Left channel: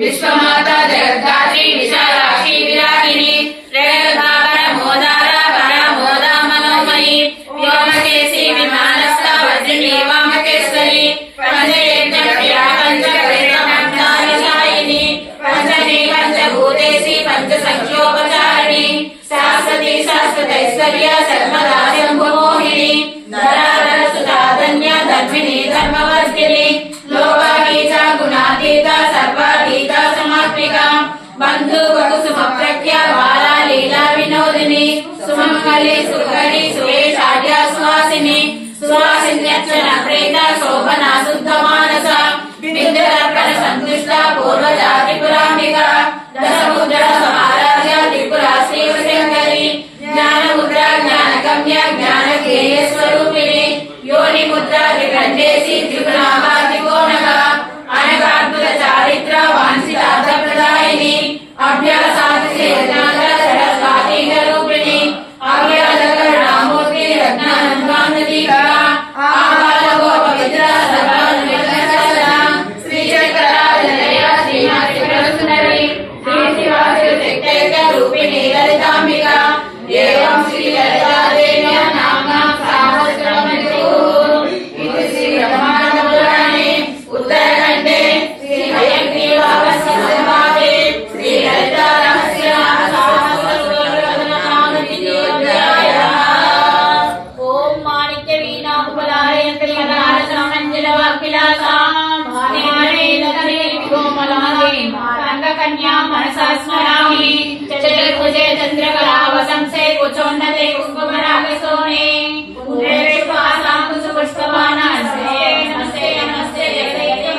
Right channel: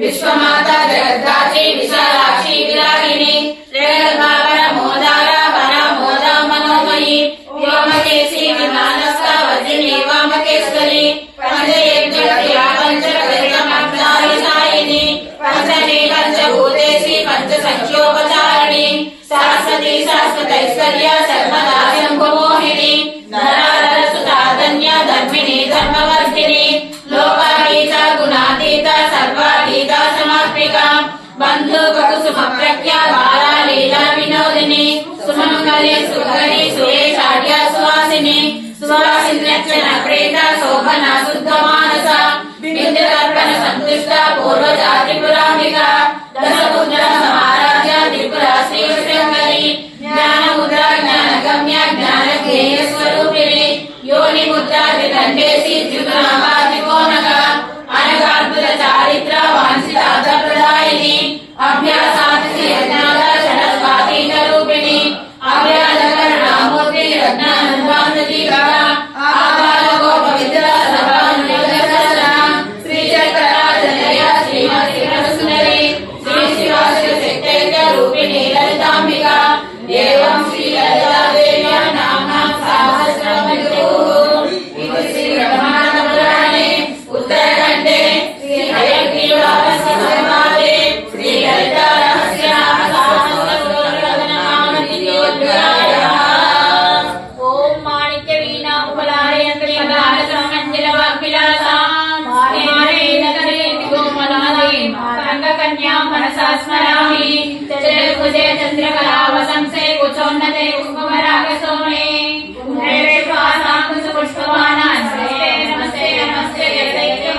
विश्वमाता जगद्धात्री विशालाक्षी विरागिणी रेणुकावर मोदार परामोदा मनोमयी व्योमकेशी विमानस्था वज्रिणी वामकेश्वरी पंचयज्ञप्रिया पंचकवेदमब्दारिशायिनी पंचमी पंचभूतेशी पंचसंख्योपचारिणी शाश्वती शाश्वतैश्वर्या सर्वदा शम्भुमोहिनी धराधरसुता धन्या धर्मिणी धर्मवर्धिनी लोकातीता गुणातीता सर्वातीता समर्पिका बंधु कुसुम प्रख्या बाला लीला विनोदिनी सुमंगली सुगणी सुरेशाढ्या सुवासिनी सुवासिन्यर्चन प्रेता शोभना शुद्ध मानसा विद्युदर्पण संतुष्टा पूर्वजा त्रिपुराम्बिका दशमुद्रा समाराध्य त्रिपुरा श्री श्रृंगरी ज्ञान मुद्रा ज्ञान गम्या ज्ञान ध्येय स्वरूपिणी योनि मुद्रा विखंडेशी त्रिपुरांबा त्रिकोणगा अनगार्दुल चारित्र वांछितार्थप्रदायिनी अभ्यासाति सरस्वती रूपिणी अभयालकरुणामूर्ति रत्नानंदानुदीपिका आबालगो पवित्र सर्वानुजगसरा श्रीचक्राजनया श्रीमती प्रसुन्दरी श्री शिवाशिवशक्तैक्य रूपिणी ललिताम्बिका एवं श्री ललिता देव्या नाम्ना सहस्रनामयुः इति श्री ब्रह्माण्डपुराणे उत्तरखण्डे श्री हयग्रीवास्य संवादे श्री ललिता रहस्यनाम सहस्रनामोऽध्यायः। ओम माणिक्य वीणा उपलालयन्त्री मंगलवाग्विलासां मानेनकरे गोमलाले मातङ्गकन्यां मनसा स्मरामि चतुर्भुजे चन्द्रकलावसंसे कुचोन्नते कुङ्कुमरागसोमे